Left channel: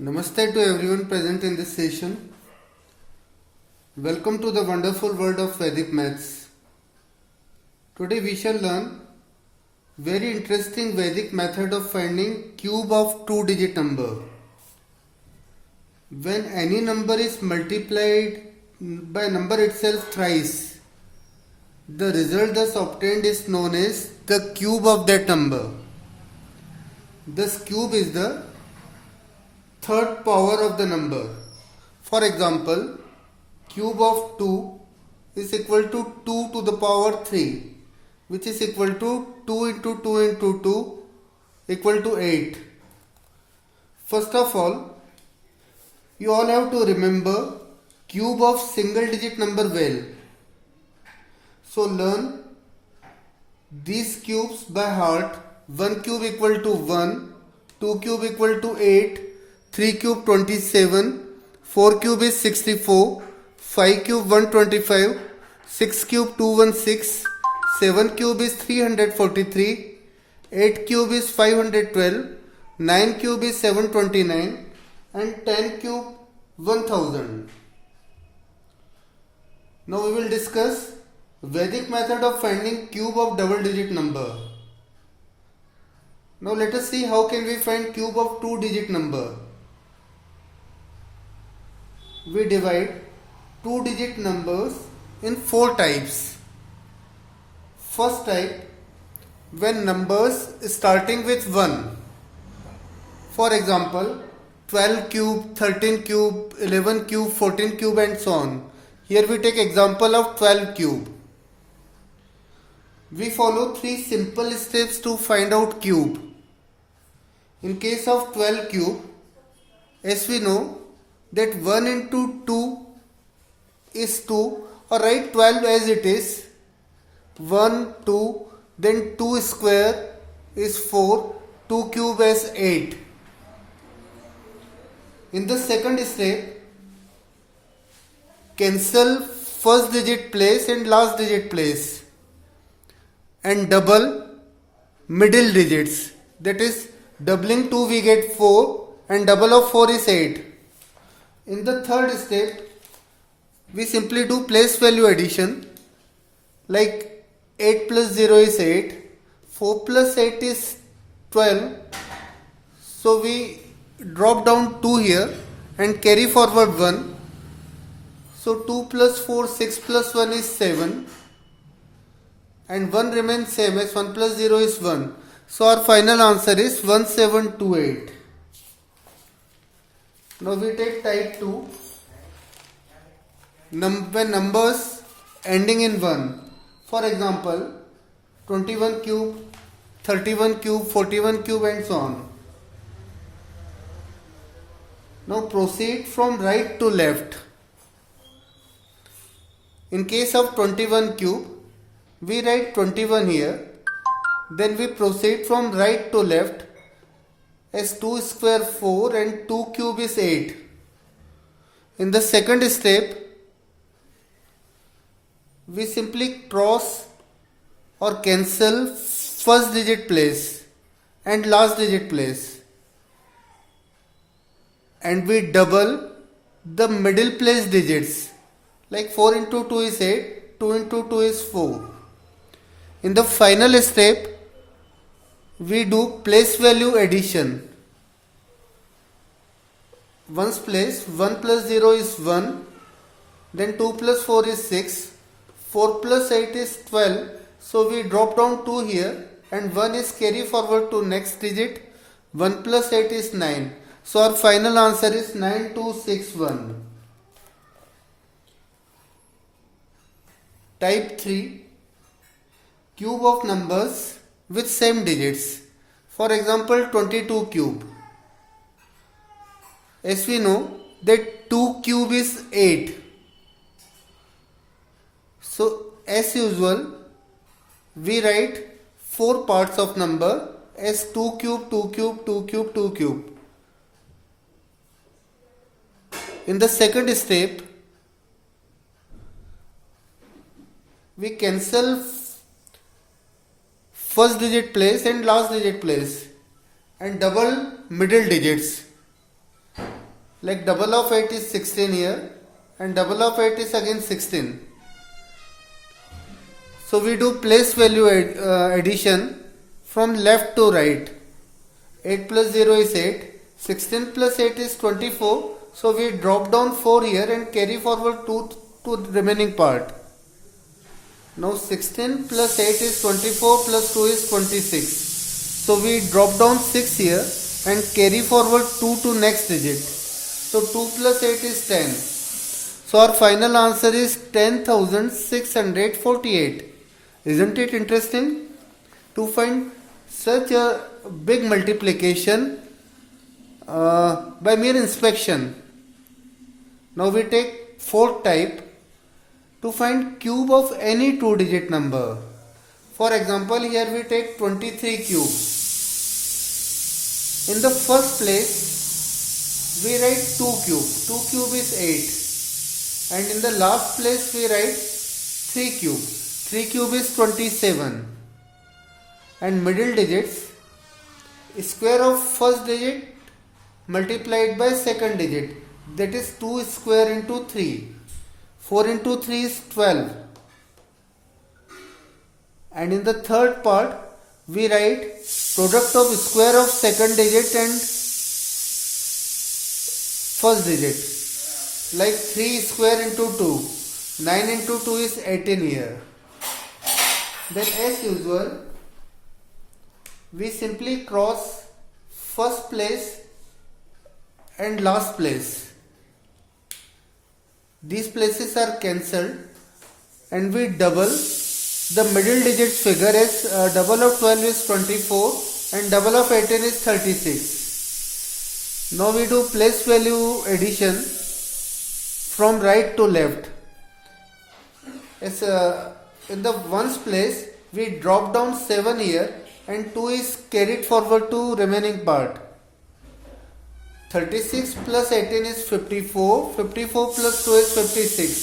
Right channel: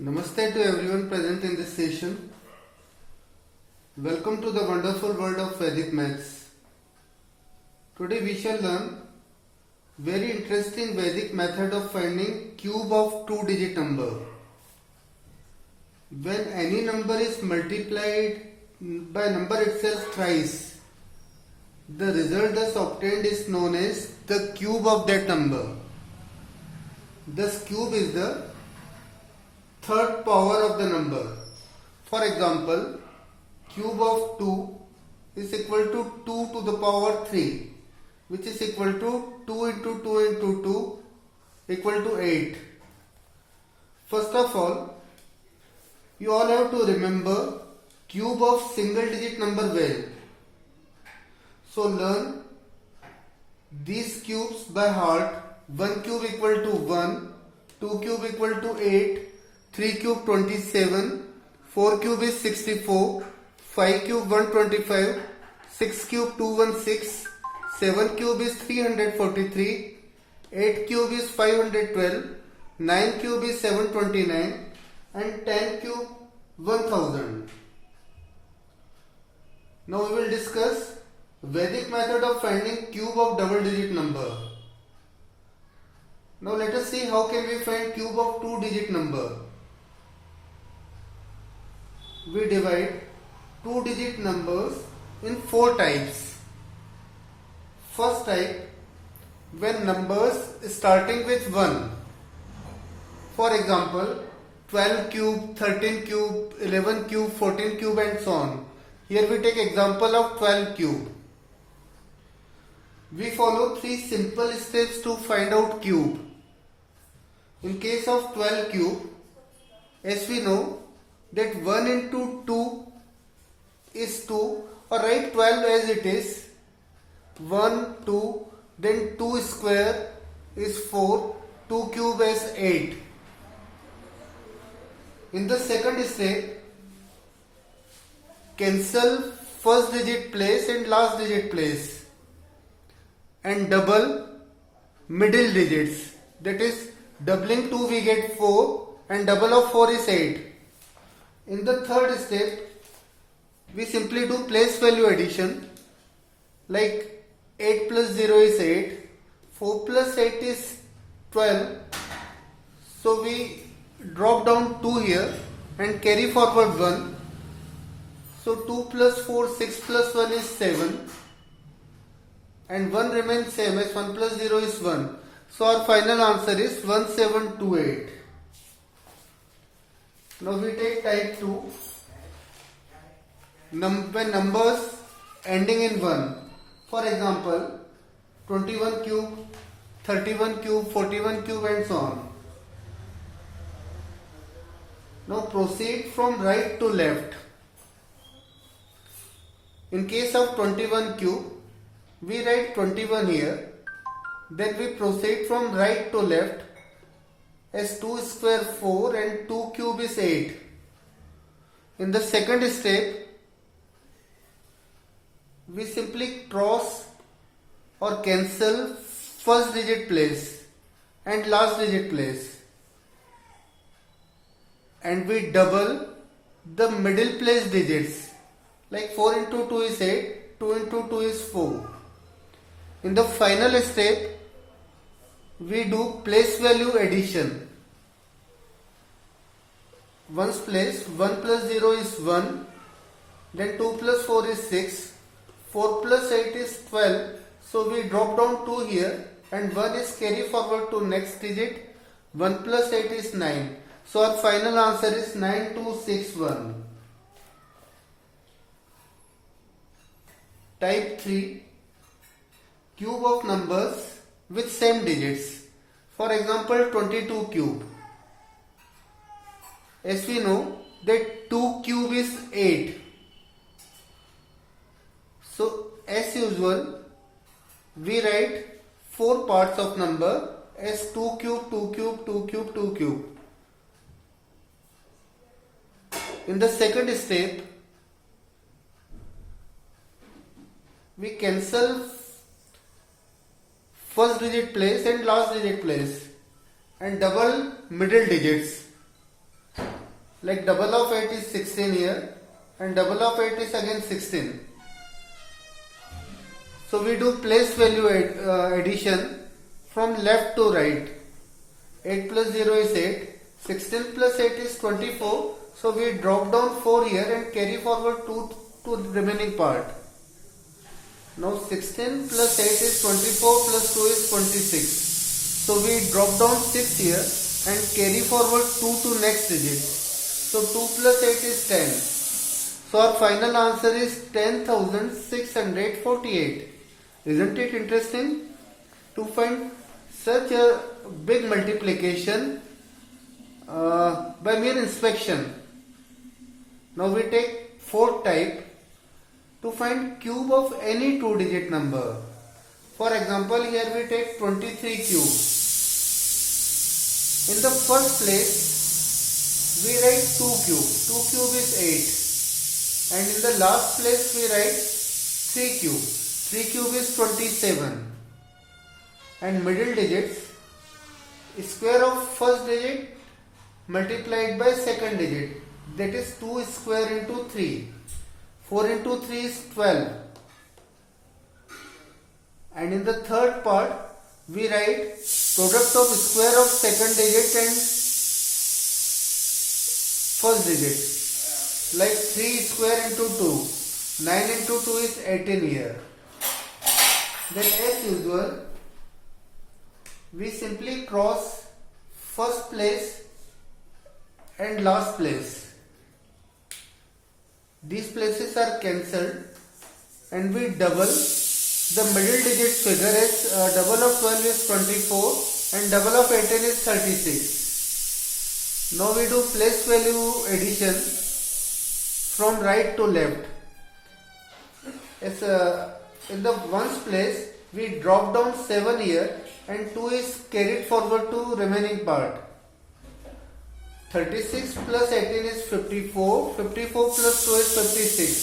Namaste to everyone present in this session. Welcome to the wonderful world of Vedic Maths. Today we shall learn very interesting Vedic method of finding cube of two-digit number. When any number is multiplied by number itself thrice, the result thus obtained is known as the cube of that number. This cube is the third power of the number. For example, cube of 2 is equal to 2 to the power 3, which is equal to 2 into 2 into 2 equal to 8. First of all, you all have to remember cube of single digit number well. So learn these cubes by heart. 1 cube equal to 1, 2 cube equal to 8, 3 cube 27, 4 cube is 64, 5 cube 125, 6 cube 216, 7 cube is 343, 8 cube is 512, 9 cube is 729 and 10 cube 1000. Now we will discuss Vedic method of finding cube of double digit number. Now let us see how can we find cube of two digit number. We divide two digit numbers in four types. First type, when numbers starting with 1. For example, 12 cube, 13 cube, 11 cube, 14 cube and so on. Here we take example of 12 cube. We follow three simple steps to find out cube. In case of 12 cube, as we know that 1 into 2 is 2, or write 12 as it is. 1, 2, then 2 square is 4, 2 cube is 8. In the second step, cancel first digit place and last digit place and double middle digits. That is, doubling 2 we get 4 and double of 4 is 8. In the third step, we simply do place value addition, like 8 plus 0 is 8, 4 plus 8 is 12, so we drop down 2 here and carry forward 1, so 2 plus 4, 6 plus 1 is 7 and 1 remains same as 1 plus 0 is 1, so our final answer is 1728. Now we take type 2, when numbers ending in 1. For example, 21 cube, 31 cube, 41 cube and so on. Now proceed from right to left. In case of 21 cube, we write 21 here. Then we proceed from right to left as 2 square 4 and 2 cube is 8. In the second step, we simply cross or cancel first digit place and last digit place. And we double the middle place digits. Like 4 into 2 is 8, 2 into 2 is 4. In the final step, we do place value addition. One's place, 1 plus 0 is 1, then 2 plus 4 is 6, 4 plus 8 is 12, so we drop down 2 here and 1 is carry forward to next digit, 1 plus 8 is 9. So our final answer is 9261. Type 3, cube of numbers with same digits. For example, 22 cube. As we know that 2 cube is 8. So as usual, we write 4 parts of number as 2 cube, 2 cube, 2 cube, 2 cube. In the second step, we cancel first digit place and last digit place and double middle digits. Like double of 8 is 16 here, and double of 8 is again 16. So we do place value addition from left to right. 8 plus 0 is 8. 16 plus 8 is 24. So we drop down 4 here and carry forward 2 to the remaining part. Now 16 plus 8 is 24 plus 2 is 26. So we drop down 6 here and carry forward 2 to next digit. So 2 plus 8 is 10. So our final answer is 10,648. Isn't it interesting? To find such a big multiplication by mere inspection. Now we take fourth type to find cube of any two-digit number. For example, here we take 23 cube. In the first place, we write 2 cube. 2 cube is 8. And in the last place, we write 3 cube. 3 cube is 27. And middle digits, square of first digit multiplied by second digit. That is 2 square into 3. 4 into 3 is 12. And in the third part, we write product of square of second digit and first digit. Like 3 square into 2. 9 into 2 is 18 here. Then as usual, we simply cross first place and last place. These places are cancelled and we double the middle digit figure as double of 12 is 24 and double of 18 is 36. Now we do place value addition from right to left. As in the ones place we drop down 7 here and 2 is carried forward to remaining part. 36 plus 18 is 54. 54 plus 2 is 56.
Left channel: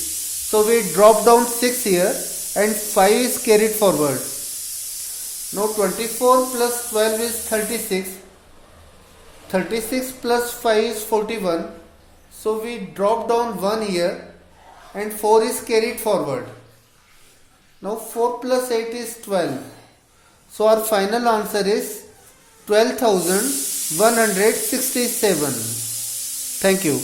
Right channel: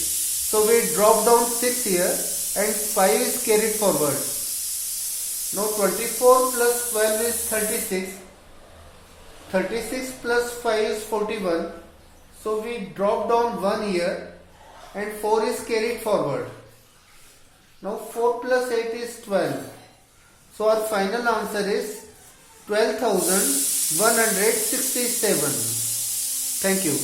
So we drop down 6 here and 5 is carried forward. Now 24 plus 12 is 36. 36 plus 5 is 41. So we drop down 1 here and 4 is carried forward. Now 4 plus 8 is 12. So our final answer is 12,167. Thank you.